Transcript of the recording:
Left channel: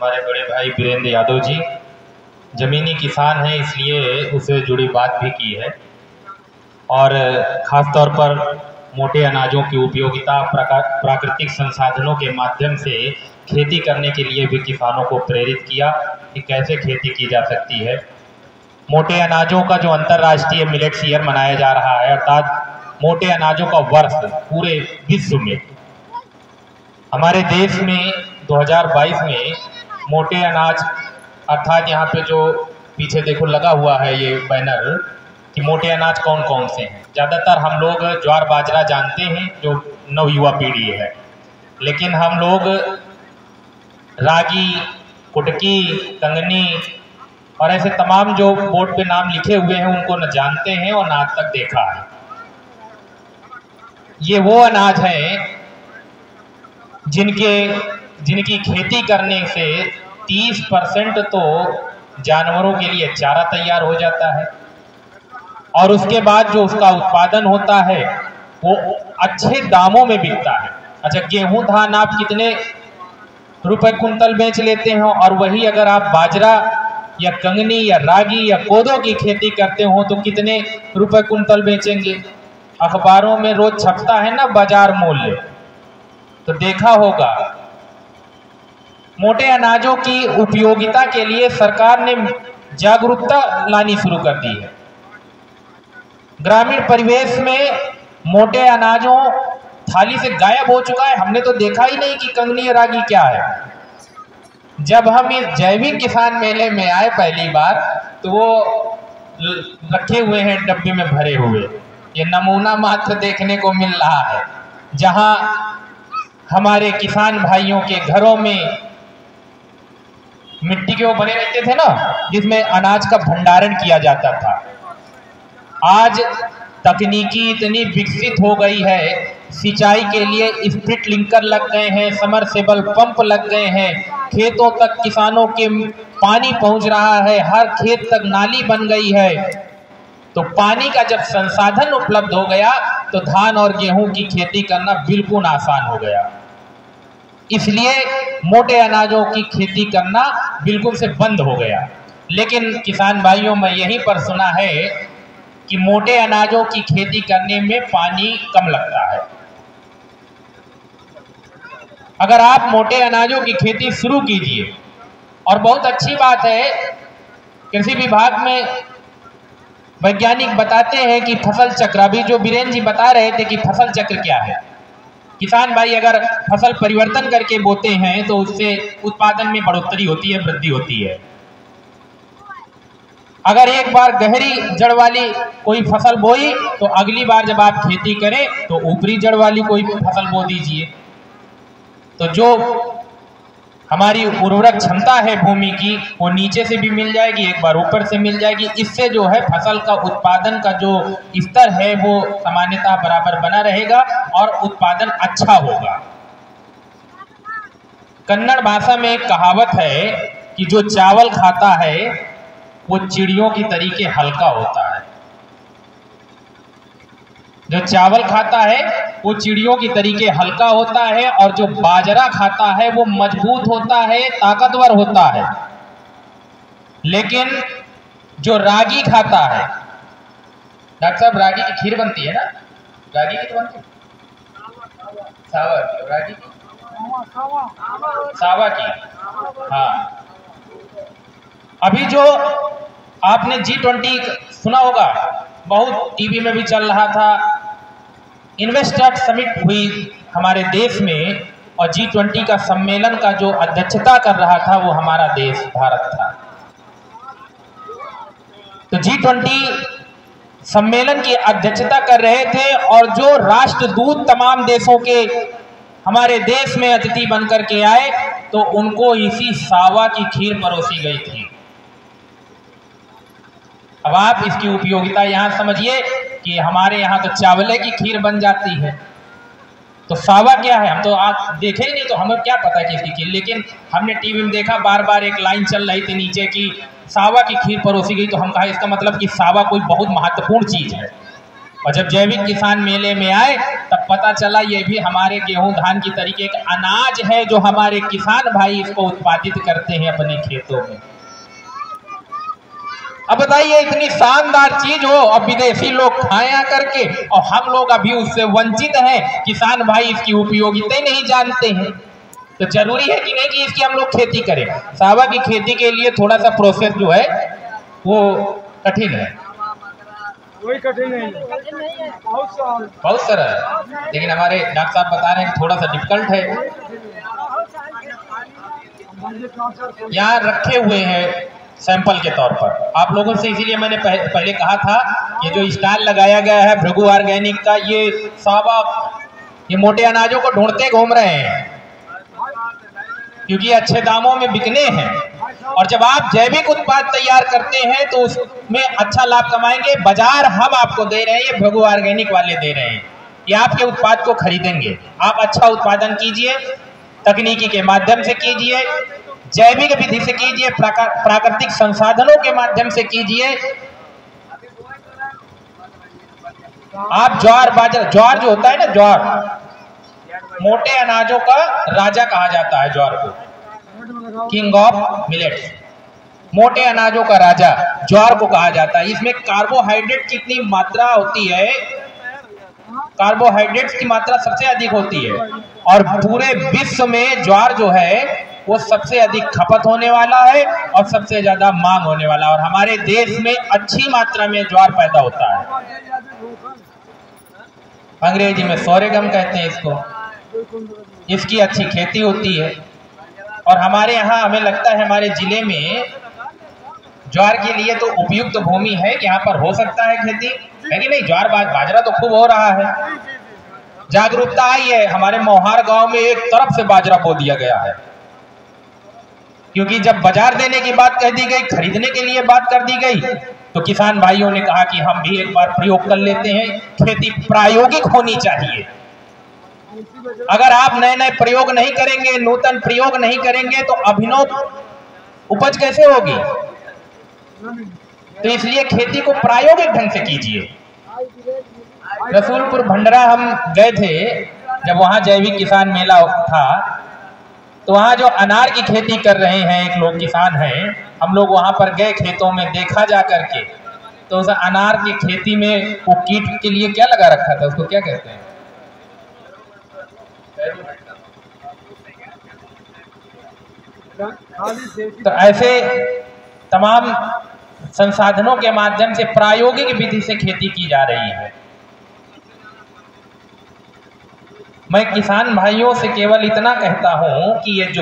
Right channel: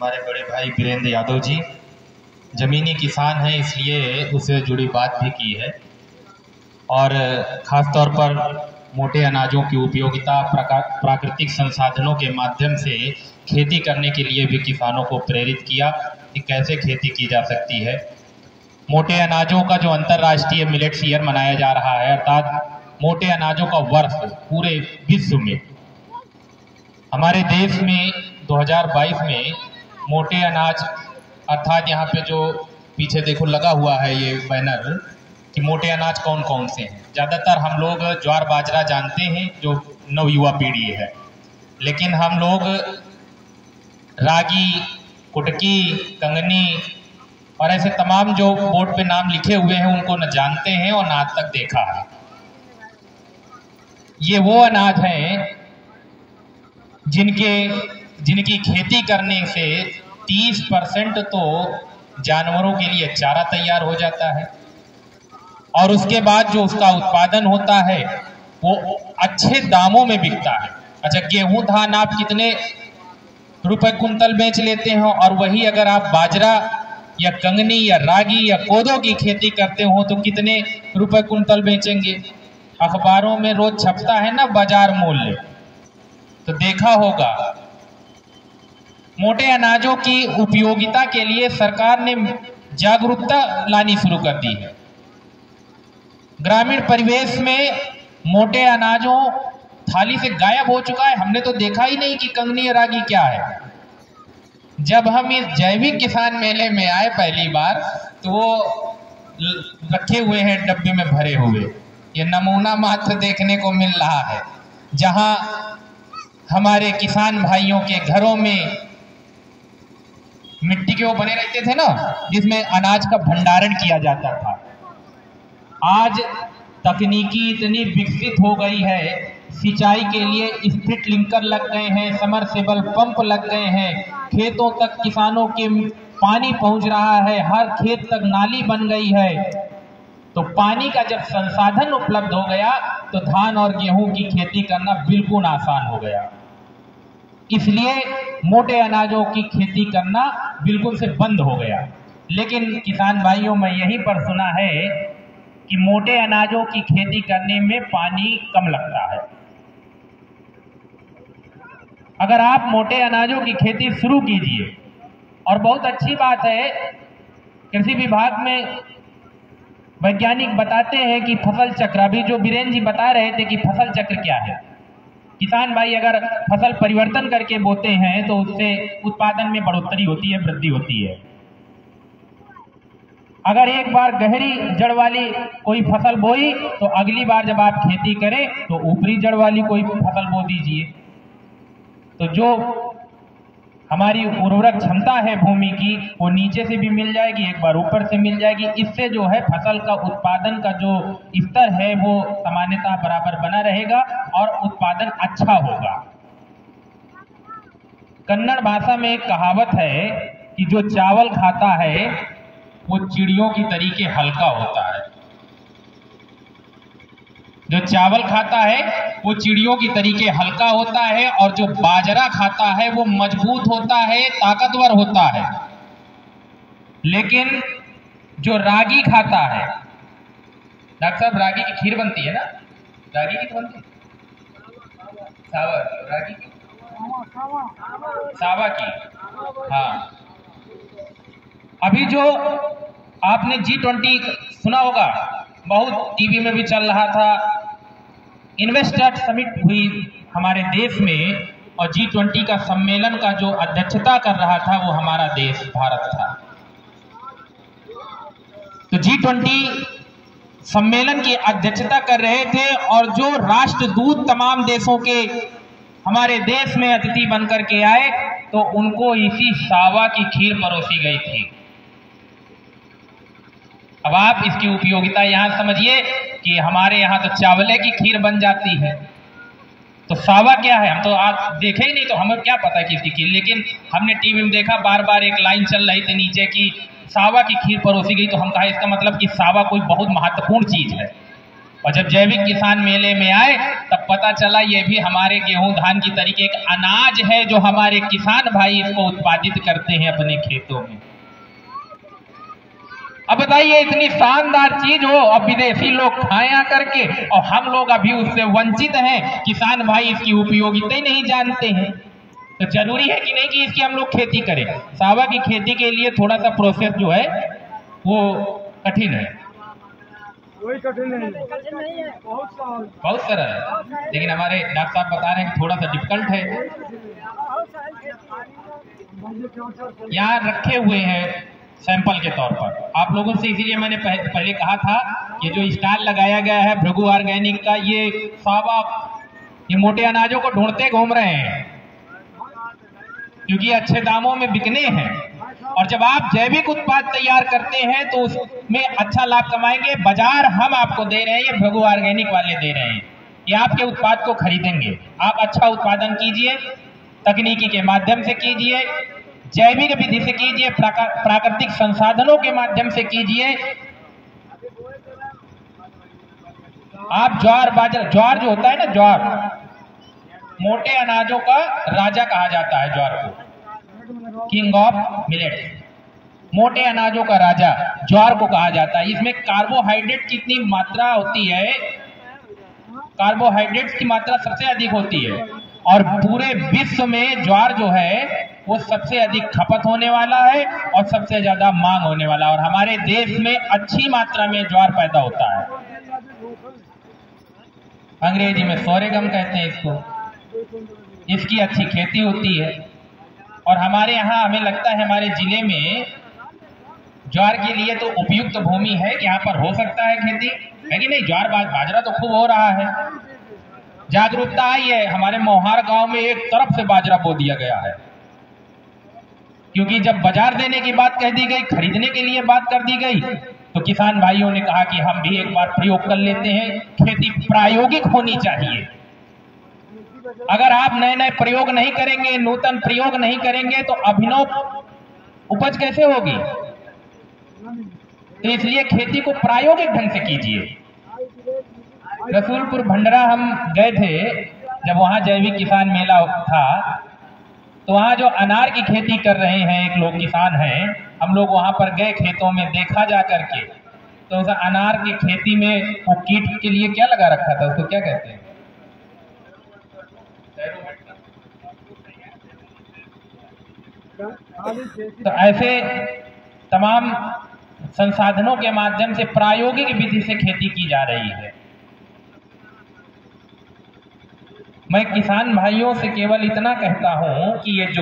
हमारे बड़े भाई वीरेंद्र यादव जी ज़मीनी किसान हैं, इसलिए उससे जुड़ी बात भी की है। और ख़ास तौर पर मोटे अनाजों की उपयोगिता, प्राकृतिक संसाधनों के माध्यम से खेती करने के लिए भी किसानों को प्रेरित किया कि कैसे खेती की जा सकती है। मोटे अनाजों का जो अंतर्राष्ट्रीय मिलेट्स ईयर मनाया जा रहा है, अर्थात मोटे अनाजों का वर्ष पूरे विश्व में, हमारे देश में 2022 में मोटे अनाज अर्थात यहाँ पे जो पीछे देखो लगा हुआ है ये बैनर कि मोटे अनाज कौन कौन से हैं। ज़्यादातर हम लोग ज्वार बाजरा जानते हैं जो नवयुवा पीढ़ी है, लेकिन हम लोग रागी, कुटकी, कंगनी और ऐसे तमाम जो बोर्ड पे नाम लिखे हुए हैं उनको न जानते हैं और न आज तक देखा है। ये वो अनाज हैं जिनकी खेती करने से 30% तो जानवरों के लिए चारा तैयार हो जाता है और उसके बाद जो उसका उत्पादन होता है वो अच्छे दामों में बिकता है। अच्छा, गेहूं धान आप कितने रुपए कुंतल बेच लेते हो, और वही अगर आप बाजरा या कंगनी या रागी या कोदो की खेती करते हो तो कितने रुपए कुंतल बेचेंगे। अखबारों में रोज छपता है ना बाजार मूल्य, तो देखा होगा। मोटे अनाजों की उपयोगिता के लिए सरकार ने जागरूकता लानी शुरू कर दी है। ग्रामीण परिवेश में मोटे अनाजों थाली से गायब हो चुका है। हमने तो देखा ही नहीं कि कंगनी या रागी क्या है। जब हम इस जैविक किसान मेले में आए पहली बार तो वो रखे हुए हैं डब्बे में भरे हुए, ये नमूना मात्र देखने को मिल रहा है। जहां हमारे किसान भाइयों के घरों में मिट्टी के वो बने रहते थे ना, जिसमें अनाज का भंडारण किया जाता था, आज तकनीकी इतनी विकसित हो गई है। सिंचाई के लिए स्प्रिंकलर लग गए हैं, समरसेबल पंप लग गए हैं, खेतों तक किसानों के पानी पहुंच रहा है, हर खेत तक नाली बन गई है। तो पानी का जब संसाधन उपलब्ध हो गया तो धान और गेहूं की खेती करना बिल्कुल आसान हो गया। इसलिए मोटे अनाजों की खेती करना बिल्कुल से बंद हो गया। लेकिन किसान भाइयों, मैं यहीं पर सुना है कि मोटे अनाजों की खेती करने में पानी कम लगता है। अगर आप मोटे अनाजों की खेती शुरू कीजिए, और बहुत अच्छी बात है, कृषि विभाग में वैज्ञानिक बताते हैं कि फसल चक्र, अभी जो वीरेंद्र जी बता रहे थे कि फसल चक्र क्या है। किसान भाई अगर फसल परिवर्तन करके बोते हैं तो उससे उत्पादन में बढ़ोतरी होती है, वृद्धि होती है। अगर एक बार गहरी जड़ वाली कोई फसल बोई तो अगली बार जब आप खेती करें तो ऊपरी जड़ वाली कोई फसल बो दीजिए। तो जो हमारी उर्वरक क्षमता है भूमि की, वो नीचे से भी मिल जाएगी, एक बार ऊपर से मिल जाएगी। इससे जो है फसल का उत्पादन का जो स्तर है वो सामान्यतः बराबर बना रहेगा और उत्पादन अच्छा होगा। कन्नड़ भाषा में एक कहावत है कि जो चावल खाता है वो चिड़ियों की तरीके हल्का होता है। जो चावल खाता है वो चिड़ियों की तरीके हल्का होता है, और जो बाजरा खाता है वो मजबूत होता है, ताकतवर होता है। लेकिन जो रागी खाता है, डॉक्टर साहब रागी की खीर बनती है ना, रागी की तो बनती है, सावा की, रागी की सावा की। हाँ, अभी जो आपने G20 सुना होगा, बहुत टीवी में भी चल रहा था। इन्वेस्टर समिट हुई हमारे देश में, और G20 का सम्मेलन का जो अध्यक्षता कर रहा था वो हमारा देश भारत था। तो G20 सम्मेलन की अध्यक्षता कर रहे थे, और जो राष्ट्रदूत तमाम देशों के हमारे देश में अतिथि बनकर के आए तो उनको इसी सावा की खीर परोसी गई थी। अब आप इसकी उपयोगिता यहाँ समझिए कि हमारे यहाँ तो चावले की खीर बन जाती है, तो सावा क्या है हम तो आज देखे ही नहीं, तो हमें क्या पता कि इसकी खीर। लेकिन हमने टीवी में देखा, बार बार एक लाइन चल रही थी नीचे की सावा की खीर परोसी गई, तो हम कहा इसका मतलब कि सावा कोई बहुत महत्वपूर्ण चीज है। और जब जैविक किसान मेले में आए तब पता चला ये भी हमारे गेहूं धान की तरीके एक अनाज है जो हमारे किसान भाई इसको उत्पादित करते हैं अपने खेतों में। अब बताइए, इतनी शानदार चीज हो और विदेशी लोग खाया करके, और हम लोग अभी उससे वंचित हैं। किसान भाई इसकी उपयोगिता ही नहीं जानते हैं। तो जरूरी है कि नहीं कि इसकी हम लोग खेती करें। सावा की खेती के लिए थोड़ा सा प्रोसेस जो है वो कठिन है, कोई कठिन नहीं है, बहुत सरल है, लेकिन हमारे डॉक्टर साहब बता रहे हैं कि थोड़ा सा डिफिकल्ट है। यहाँ रखे हुए हैं सैंपल के तौर पर आप लोगों से, इसीलिए मैंने पहले कहा था ये जो स्टॉल लगाया गया है भृगु ऑर्गेनिक का, ये सावा ये मोटे अनाजों को ढूंढते घूम रहे हैं क्योंकि अच्छे दामों में बिकने हैं। और जब आप जैविक उत्पाद तैयार करते हैं तो उसमें अच्छा लाभ कमाएंगे। बाजार हम आपको दे रहे हैं, ये भृगु ऑर्गेनिक वाले दे रहे हैं, ये आपके उत्पाद को खरीदेंगे। आप अच्छा उत्पादन कीजिए, तकनीकी के माध्यम से कीजिए, जैविक विधि से कीजिए, प्राकृतिक संसाधनों के माध्यम से कीजिए। आप ज्वार बाजरा, ज्वार जो होता है ना, ज्वार मोटे अनाजों का राजा कहा जाता है, ज्वार को किंग ऑफ मिलेट्स, मोटे अनाजों का राजा ज्वार को कहा जाता है। इसमें कार्बोहाइड्रेट कितनी मात्रा होती है, कार्बोहाइड्रेट्स की मात्रा सबसे अधिक होती है और पूरे विश्व में ज्वार जो है वो सबसे अधिक खपत होने वाला है और सबसे ज्यादा मांग होने वाला है। और हमारे देश में अच्छी मात्रा में ज्वार पैदा होता है, अंग्रेजी में सोरेगम कहते हैं इसको। इसकी अच्छी खेती होती है और हमारे यहाँ हमें लगता है हमारे जिले में ज्वार के लिए तो उपयुक्त भूमि है कि यहाँ पर हो सकता है खेती, है कि नहीं। ज्वार बाजरा तो खूब हो रहा है, जागरूकता आई है। हमारे मोहार गांव में एक तरफ से बाजरा बो दिया गया है क्योंकि जब बाजार देने की बात कह दी गई, खरीदने के लिए बात कर दी गई, तो किसान भाइयों ने कहा कि हम भी एक बार प्रयोग कर लेते हैं। खेती प्रायोगिक होनी चाहिए। अगर आप नए नए प्रयोग नहीं करेंगे, नूतन प्रयोग नहीं करेंगे तो अभिनव उपज कैसे होगी। तो इसलिए खेती को प्रायोगिक ढंग से कीजिए। रसूलपुर भंडरा हम गए थे, जब वहां जैविक किसान मेला था तो वहां जो अनार की खेती कर रहे हैं एक लोग किसान हैं, हम लोग वहां पर गए खेतों में, देखा जा करके। तो उस अनार की खेती में वो कीट के लिए क्या लगा रखा था, उसको क्या कहते हैं, तो ऐसे तमाम संसाधनों के माध्यम से प्रायोगिक विधि से खेती की जा रही है। मैं किसान भाइयों से केवल इतना कहता हूं कि ये जो